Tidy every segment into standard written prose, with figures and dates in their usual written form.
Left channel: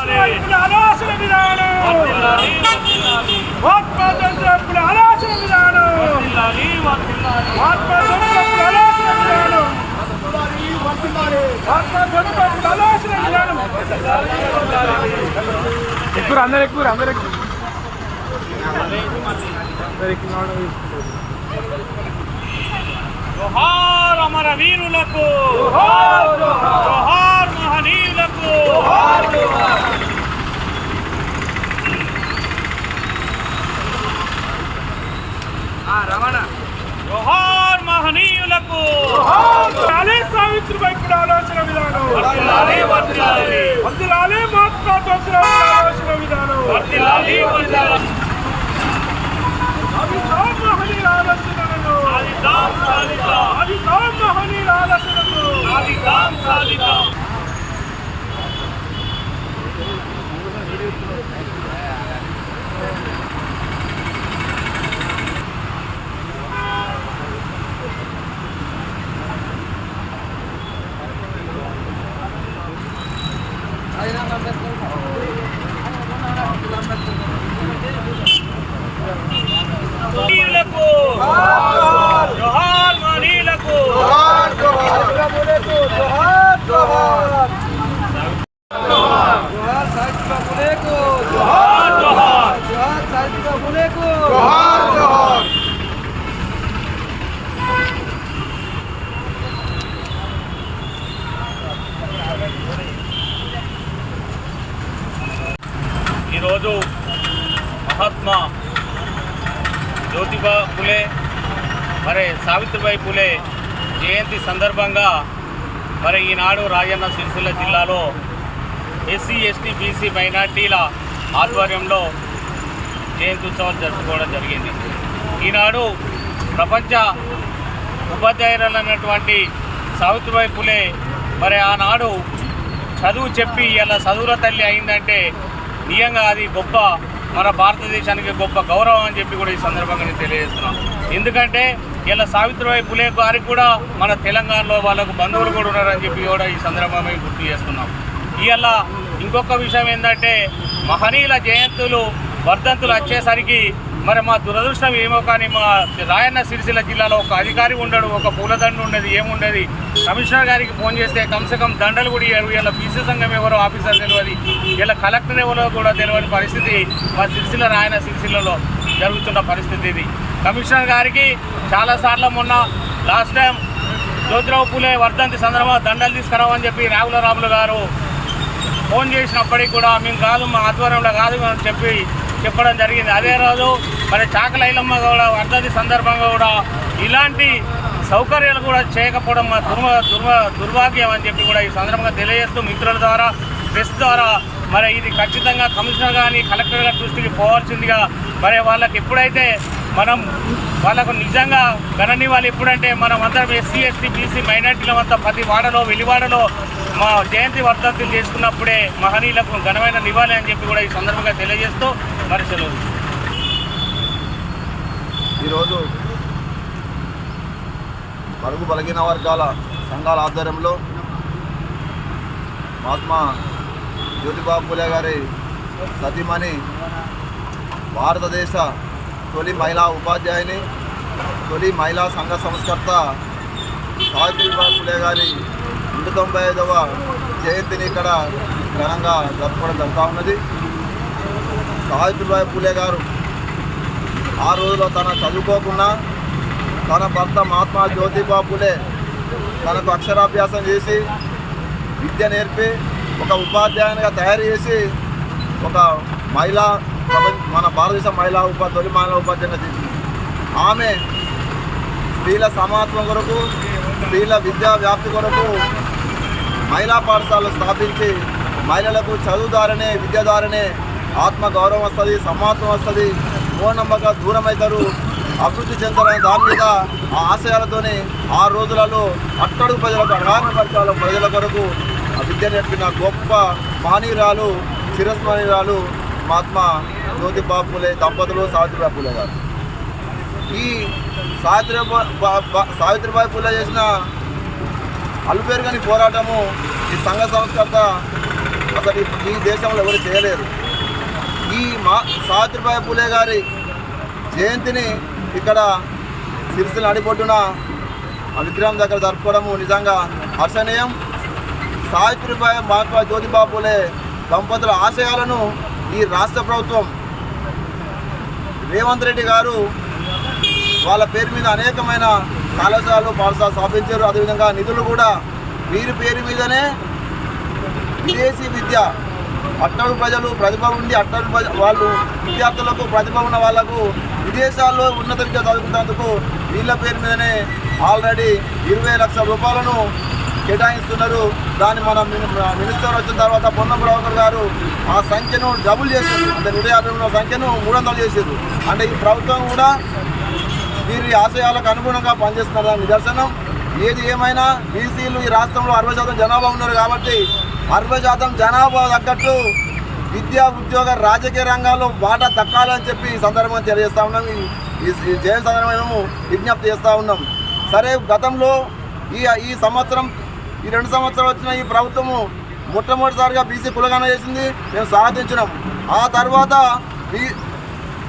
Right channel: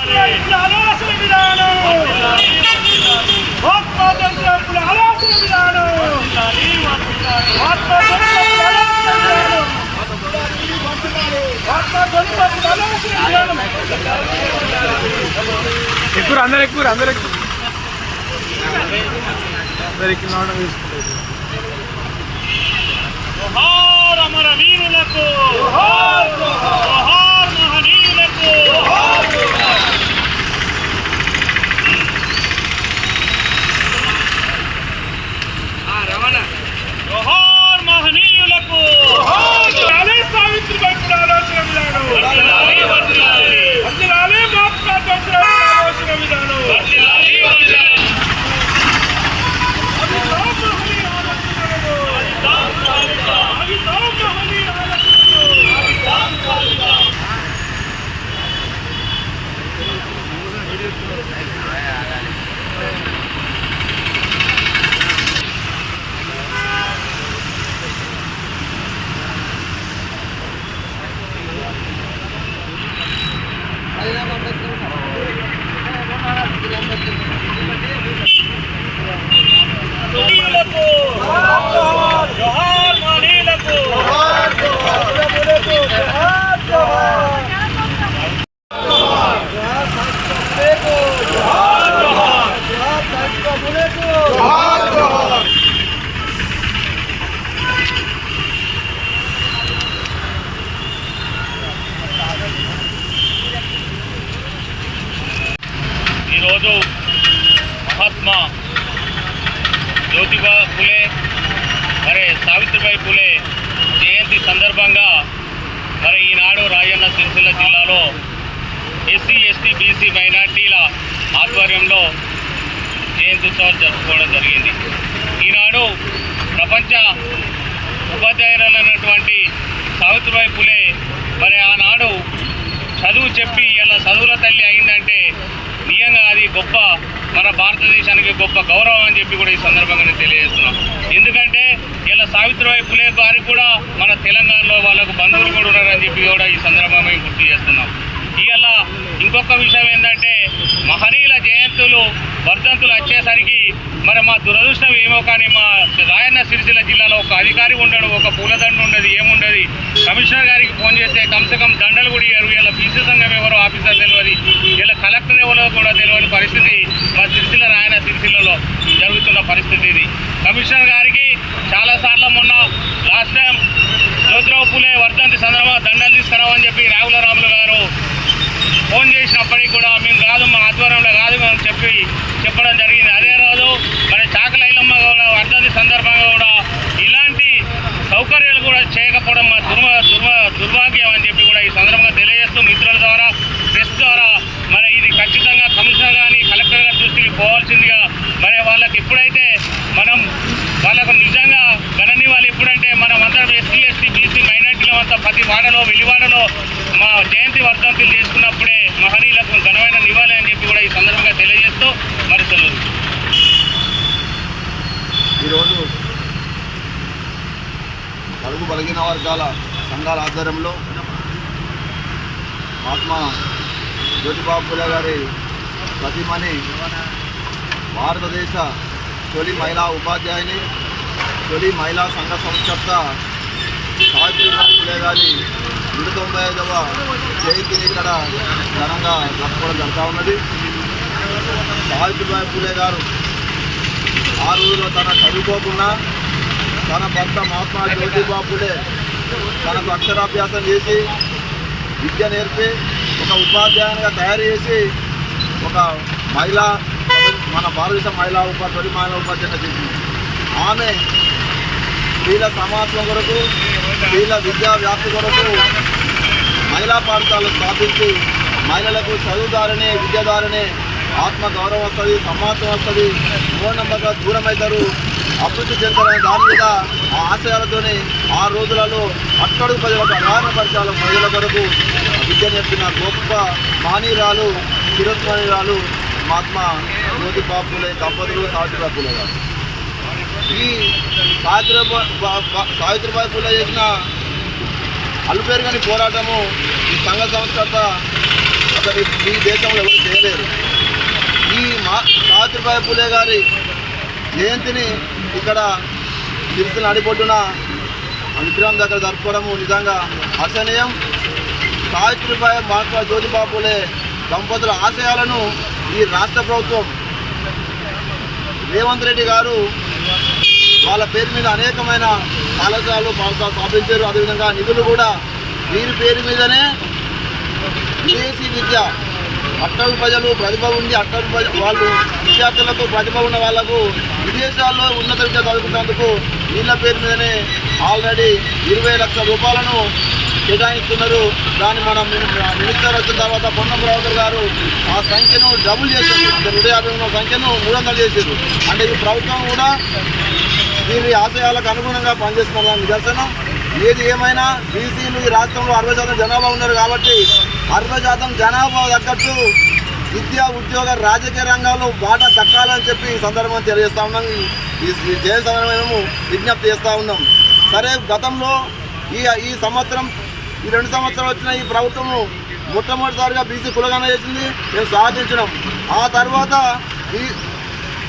ఆలోచన విధానం ఆత్మతంత్రపుల ఆలోచన విధానం ఆత్మతంత్రపుల ఆలోచన విధానం ఆత్మతంత్రపుల ఆలోచన విధానం అందరూ జోహార్ అమర వీరులకు జోహార్ మహనీయులకు జోహార్ మహనీయులకు సావిత్రిబాయి పులే ఆలోచన విధానం వర్ధిల్లాలి మహాత్మా జ్యోతిరావు ఆలోచన విధానం మహనీయుల ఆలోచనలను మహనీయుల ఆలోచనలు జోహార్ మహనీయులకు ఈరోజు మహాత్మా జ్యోతిబా పులే మరి సావిత్రిబాయి పులే జయంతి సందర్భంగా మరి ఈనాడు రాజన్న సిరిసిల్ల జిల్లాలో ఎస్సీ ఎస్టీ బీసీ మైనార్టీల ఆధ్వర్యంలో జయంతి ఉత్సవాలు జరుపుకోవడం జరిగింది. ఈనాడు ప్రపంచ ఉపాధ్యాయురాలైనటువంటి సావిత్రిబాయి పులే మరి ఆనాడు చదువు చెప్పి ఇలా చదువుల తల్లి అయిందంటే నిజంగా అది గొప్ప మన భారతదేశానికి గొప్ప గౌరవం అని చెప్పి కూడా ఈ సందర్భంగా నేను తెలియజేస్తున్నాం. ఎందుకంటే ఇలా సావిత్రిబాయి పులే గారికి కూడా మన తెలంగాణలో వాళ్ళకు బంధువులు కూడా ఉన్నారని చెప్పి కూడా ఈ సందర్భంగా గుర్తు చేస్తున్నాం. ఇవాళ ఇంకొక విషయం ఏంటంటే మహనీయుల జయంతులు వర్ధంతులు వచ్చేసరికి మరి మా దురదృష్టం ఏమో కానీ మా రాయన్న సిరిసిల్ల జిల్లాలో ఒక అధికారి ఉండడు, ఒక పూలదండ ఉండదు, ఏముండదు. కమిషనర్ గారికి ఫోన్ చేస్తే కమ్సకం దండలు కూడా ఇవ్వరు. ఇలా బీసీ సంఘం ఎవరో ఆఫీసర్ తెలియదు, ఇలా కలెక్టర్ ఎవరో కూడా తెలియని పరిస్థితి మా సిరిసిల్ల రాయన్న సిరిసిల్లలో జరుగుతున్న పరిస్థితి ఇది. కమిషనర్ గారికి చాలాసార్లు మొన్న లాస్ట్ టైం జ్యోతిరావు పులే వర్ధంతి సందర్భంగా దండలు తీసుకురావని చెప్పి రావుల రాములు గారు ఫోన్ చేసినప్పటికీ కూడా మేము కాదు, మా ఆధ్వర్యంలో కాదు అని చెప్పడం జరిగింది. అదే రోజు మరి చాకల ఐలమ్మ కూడా వర్ధంతి సందర్భంగా కూడా ఇలాంటి సౌకర్యాలు కూడా చేయకపోవడం మా దుర్భాగ్యం అని చెప్పి కూడా ఈ సందర్భంగా తెలియజేస్తూ మిత్రుల ద్వారా ప్రెస్ ద్వారా మరి ఇది ఖచ్చితంగా కమిషనర్ కానీ కలెక్టర్ గారి దృష్టికి పోవాల్సిందిగా మరి వాళ్ళకి ఎప్పుడైతే మనం వాళ్ళకు నిజంగా గణనీయాలు ఎప్పుడంటే మనం అందరం ఎస్సీ ఎస్టీ బీసీ మైనార్టీల అంతా ప్రతి వాడలో వెలివాడలో మా జయంతి వర్ధంతులు చేసుకున్నప్పుడే మహనీయులకు ఘనమైన నివాళి అని చెప్పి కూడా ఈ సందర్భంగా తెలియజేస్తూ మరి సెలవు. ఈరోజు బడుగు బలహీన వర్గాల సంఘాల ఆధ్వర్యంలో మహాత్మా జ్యోతిబా పులే గారి సతీమణి భారతదేశ తొలి మహిళా ఉపాధ్యాయుని, తొలి మహిళా సంఘ సంస్కర్త సావిత్రిబాయి పులే గారి 195వ జయంతిని ఇక్కడ ఘనంగా జరుపుకోవడం జరుగుతూ ఉన్నది. సావిత్రిబాయి పులే గారు ఆ రోజులో తన చదువుకోకుండా తన భర్త మహాత్మా జ్యోతిబా పులే తనకు అక్షరాభ్యాసం చేసి విద్య నేర్పి ఒక ఉపాధ్యాయునిగా తయారు చేసి ఒక మహిళా మన భారతదేశ తొలి మహిళా ఉపాధ్యాయునిగా చేసింది. ఆమె స్త్రీల సమానత్వం కొరకు, స్త్రీల విద్యా వ్యాప్తి కొరకు మహిళా పాఠశాలలు స్థాపించి మహిళలకు చదువు ద్వారానే, విద్య ద్వారానే ఆత్మగౌరవం వస్తుంది, సమానత్వం వస్తుంది, మూఢనమ్మకాలు దూరం అవుతారు, అభివృద్ధి చెందాలనే దాని మీద ఆ ఆశయాలతోనే ఆ రోజులలో అట్టడుగు ప్రజలకు అగాధ పరిచయాల ప్రజల కొరకు విద్య నేర్పిన గొప్ప మానీయురాలు, చిరస్మరణీయురాలు మహాత్మా జ్యోతిబా పులే దంపతులు సావిత్రిబాయి పులే గారు. ఈ సావిత్రిబాయి పులే చేసిన అలుపేరుగని పోరాటము ఈ సంఘ సంస్కర్త అసలు ఈ దేశంలో ఎవరు చేయలేరు. ఈ సావిత్రిబాయి పూలే గారి జయంతిని ఇక్కడ సిరిసిల్ల నడిబొడ్డున విగ్రహం దగ్గర జరుపుకోవడము నిజంగా హర్షణీయం. సావిత్రిబాయి మహాత్మా జ్యోతిబా పూలే దంపతుల ఆశయాలను ఈ రాష్ట్ర ప్రభుత్వం రేవంత్ రెడ్డి గారు వాళ్ళ పేరు మీద అనేకమైన కళాశాలలు పాఠశాలలు స్థాపించారు. అదేవిధంగా నిధులు కూడా వీరి పేరు మీదనే విదేశీ విద్య అట్టడుగు ప్రజలు ప్రతిభ ఉండి వాళ్ళు విద్యార్థులకు ప్రతిభ ఉన్న వాళ్లకు విదేశాల్లో ఉన్నత విద్య చదువుకున్నందుకు వీళ్ళ పేరు మీదనే ఆల్రెడీ 20 లక్షల రూపాయలను కేటాయిస్తున్నారు. దాన్ని మన మినిస్టర్ వచ్చిన తర్వాత పొన్నం ప్రభాకర్ గారు ఆ సంఖ్యను డబుల్ చేశారు. అంటే 150 ఉన్న సంఖ్యను 300 చేశారు. అంటే ఈ ప్రభుత్వం కూడా వీరి ఆశయాలకు అనుగుణంగా పనిచేస్తున్నదని నిదర్శనం. ఏది ఏమైనా బీసీలు ఈ రాష్ట్రంలో 60% జనాభా ఉన్నారు కాబట్టి 60% జనాభా తగ్గట్టు విద్యా ఉద్యోగ రాజకీయ రంగాల్లో వాటా దక్కాలని చెప్పి ఈ సందర్భంగా తెలియజేస్తూ ఉన్నాం. ఈ జయంతి సందర్భంగా విజ్ఞప్తి చేస్తూ ఉన్నాం. సరే, గతంలో ఈ సంవత్సరం ఈ 2 సంవత్సరాలు వచ్చిన ఈ ప్రభుత్వము మొట్టమొదటిసారిగా బీసీ కులగణన చేసింది, మేము సాధించినాం. ఆ తర్వాత ఈ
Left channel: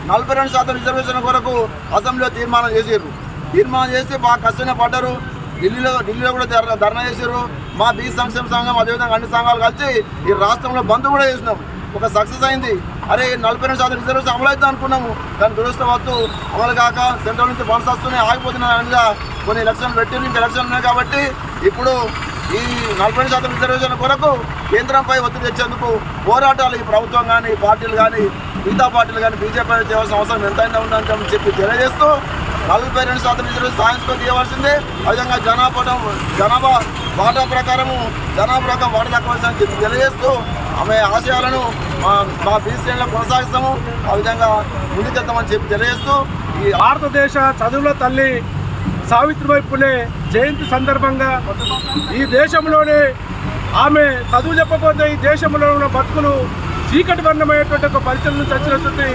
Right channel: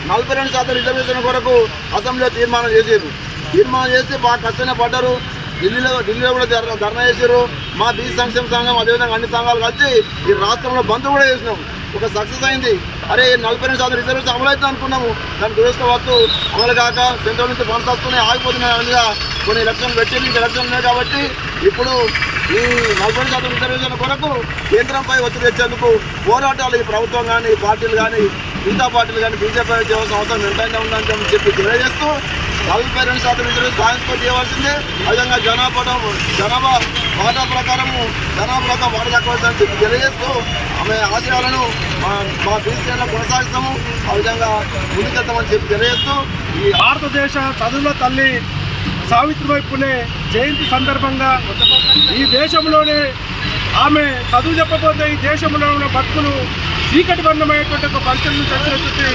42% రిజర్వేషన్ కొరకు అసెంబ్లీలో తీర్మానం చేశారు. తీర్మానం చేస్తే బాగా కష్టంగా పడ్డారు. ఢిల్లీలో కూడా ధర్నా చేశారు. మా బీసీ సంక్షేమ సంఘం అదేవిధంగా అన్ని సంఘాలు కలిసి ఈ రాష్ట్రంలో బంద్ కూడా చేసినాం. ఒక సక్సెస్ అయింది. అరే 42% రిజర్వేషన్ అమలు అవుతుంది అనుకున్నాము. దాని దురదృష్టవత్తు అమలు కాక సెంట్రల్ నుంచి ఫండ్స్ వస్తున్నాయి, ఆగిపోతున్నాయనిగా కొన్ని ఎలక్షన్లు పెట్టింది. ఇంకా ఎలక్షన్లు ఉన్నాయి కాబట్టి ఇప్పుడు ఈ 40% రిజర్వేషన్ కొరకు కేంద్రంపై ఒత్తిడి తెచ్చేందుకు పోరాటాలు ఈ ప్రభుత్వం కానీ పార్టీలు కానీ మిగతా పార్టీలు కానీ బీజేపీ చేయాల్సిన అవసరం ఎంతైనా ఉందని చెప్పి తెలియజేస్తూ 42% రిజర్వేషన్ సాయంతో చేయవలసిందే. అదేవిధంగా జనాభా వాటా ప్రకారము జనాభాలో వాటా దక్కవలసిందని చెప్పి తెలియజేస్తూ ఆమె ఆశయాలను మా బీసీలో కొనసాగిస్తాము. ఆ విధంగా ముందుకెళ్తామని చెప్పి తెలియజేస్తూ ఈ భారతదేశ చదువుల తల్లి సావిత్రిబాయి పూలే జయంతి సందర్భంగా ఈ దేశంలోనే ఆమె చదువు చెప్పబోతే ఈ దేశంలో ఉన్న బతుకులు చీకటి వర్ణమైనటువంటి ఒక పరిస్థితులను చచ్చినటువంటి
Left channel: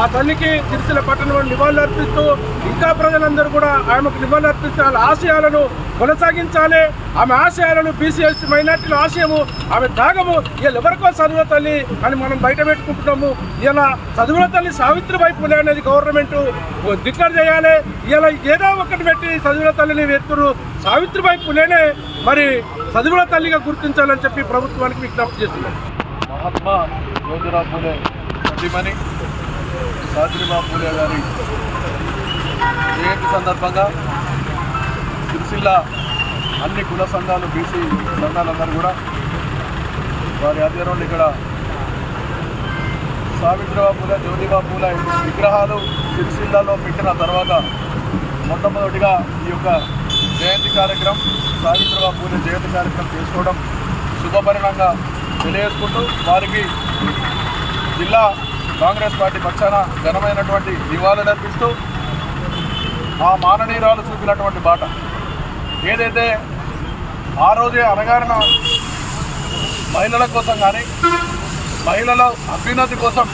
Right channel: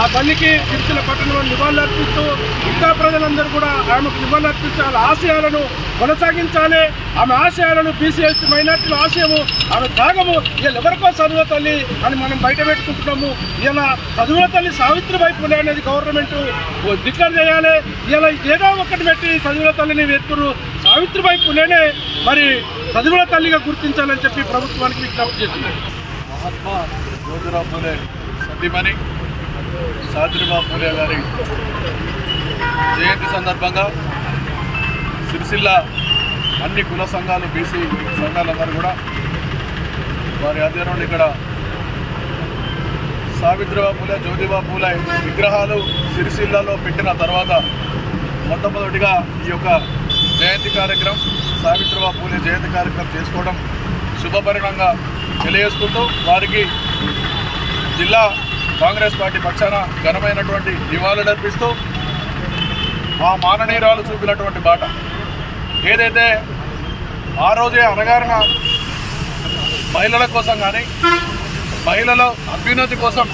ఆ తల్లికి సిరిసిల్ల పట్టణంలో నివాళులు అర్పిస్తూ ఇంకా ప్రజలందరూ కూడా ఆమెకు నివాళులు అర్పిస్తూ వాళ్ళ ఆశయాలను కొనసాగించాలి. ఆమె ఆశయాలను బీసీఎస్టీ మైనార్టీల ఆశయము, ఆమె త్యాగము ఇలా ఎవరికో చదువుల తల్లి అని మనం బయట పెట్టుకుంటున్నాము. ఇలా చదువుల తల్లి సావిత్రిబాయి పూలే అనేది గవర్నమెంట్ డిక్లేర్ చేయాలి. ఇలా ఏదో ఒకటి పెట్టి చదువుల తల్లిని వెతురు సావిత్రిబాయి పూలేనే మరి చదువుల తల్లిగా గుర్తించాలని చెప్పి ప్రభుత్వానికి విజ్ఞప్తి చేస్తున్నారు. మహాత్మా జ్యోతిరావు పూలే సతీమణి సావిత్రిబాయి పూలే గారి జయంతి సందర్భంగా సిరిసిల్ల అన్ని కుల సంఘాలు బీసీ సంఘాలందరూ కూడా వారి ఆధ్వర్యంలో ఇక్కడ సావిత్రిబాయి పూలే జ్యోతిబాయి పూలే విగ్రహాలు సిరిసిల్లలో పెట్టిన తర్వాత మొట్టమొదటిగా ఈ యొక్క జయంతి కార్యక్రమం సావిత్రిబాయి పూలే జయంతి కార్యక్రమం చేసుకోవడం శుభపరిణంగా తెలియజేసుకుంటూ వారికి జిల్లా కాంగ్రెస్ పార్టీ పక్షాన ఘనమైనటువంటి నివాళులర్పిస్తూ ఆ మాననీయురాలు చూపినటువంటి బాట ఏదైతే ఆ రోజే అణగారిన మహిళల కోసం కానీ మహిళల అభ్యున్నతి కోసం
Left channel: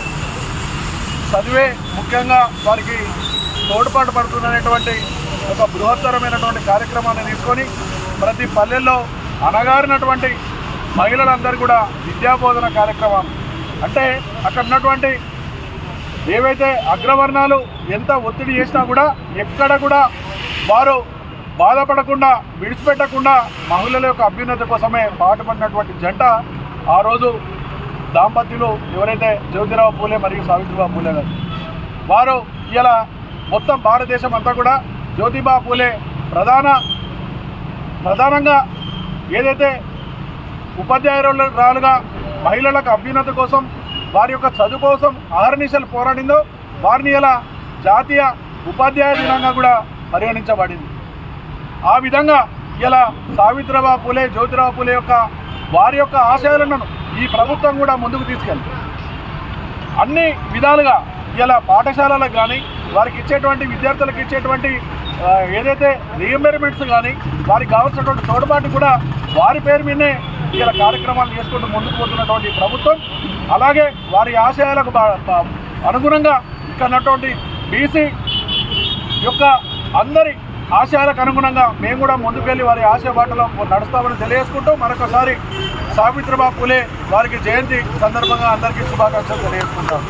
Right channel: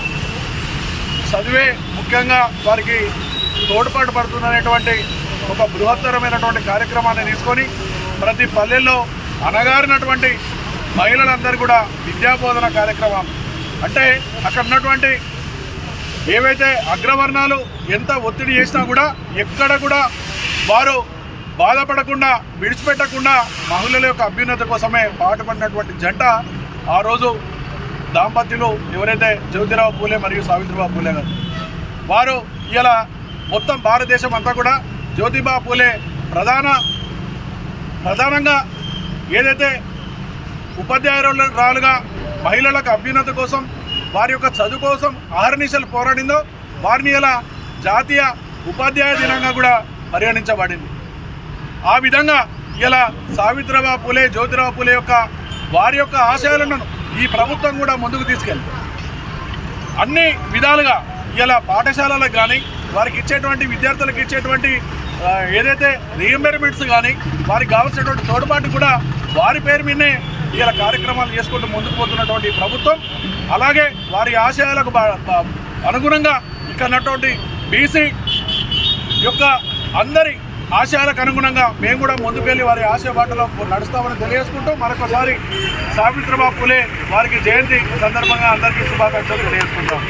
చదివే ముఖ్యంగా వారికి తోడ్పాటు పడుతుందనేటువంటి ఒక బృహత్తరమైనటువంటి కార్యక్రమాన్ని తీసుకొని ప్రతి పల్లెల్లో అణగారినటువంటి మహిళలందరూ కూడా విద్యాబోధన కార్యక్రమం అంటే అక్కడ ఉన్నటువంటి ఏవైతే అగ్రవర్ణాలు ఎంత ఒత్తిడి చేసినా కూడా ఎక్కడ కూడా వారు బాధపడకుండా విడిచిపెట్టకుండా మహిళల యొక్క అభ్యున్నతి కోసమే పాటుపడినటువంటి జంట ఆ రోజు దాంపత్యులు ఎవరైతే జ్యోతిరావు పూలే మరియు సావిత్రిబాయి పూలే గారు వారు ఇలా మొత్తం భారతదేశం అంతా కూడా జ్యోతిబా పూలే ప్రధానంగా ఏదైతే ఉపాధ్యాయురాలుగా మహిళలకు అభ్యున్నతి కోసం వారి యొక్క చదువు కోసం అహర్నిశలు పోరాడిందో వారిని ఇలా జాతీయ ఉపాధ్యాయ దినంగా కూడా పరిగణించబడింది. ఆ విధంగా ఇలా సావిత్రిబాయి పూలే జ్యోతిరావు పూలే వారి యొక్క ఆశయాలను ఈ ప్రభుత్వం కూడా ముందుకు తీసుకెళ్ళి అన్ని విధాలుగా ఇలా పాఠశాలలకు కానీ వారికి ఇచ్చేటువంటి విద్యార్థులకు ఇచ్చేటువంటి ఏదైతే రీఎంబర్మెంట్స్ కానీ వారికి కావాల్సినటువంటి తోడ్పాటు కూడా వారి పేరు మీదనే ఇలా కార్యక్రమాలు చేసుకుంటూ ముందుకు పోతున్నటువంటి ప్రభుత్వం అలాగే వారి ఆశయాలకు అనుగుణంగా ఇక్కడ ఉన్నటువంటి బీసీ యొక్క అందరి ఆశయాలకు అనుగుణంగా మేము కూడా ముందుకెళ్ళి వారి ఆశయ బాటలో నడుస్తామని తెలియజేసుకుంటూ మరొకసారి సావిత్రిబాయి పూలే వారికి జయంతి సందర్భంగా అందరికీ శుభాకాంక్షలు తెలియజేసుకుంటాం.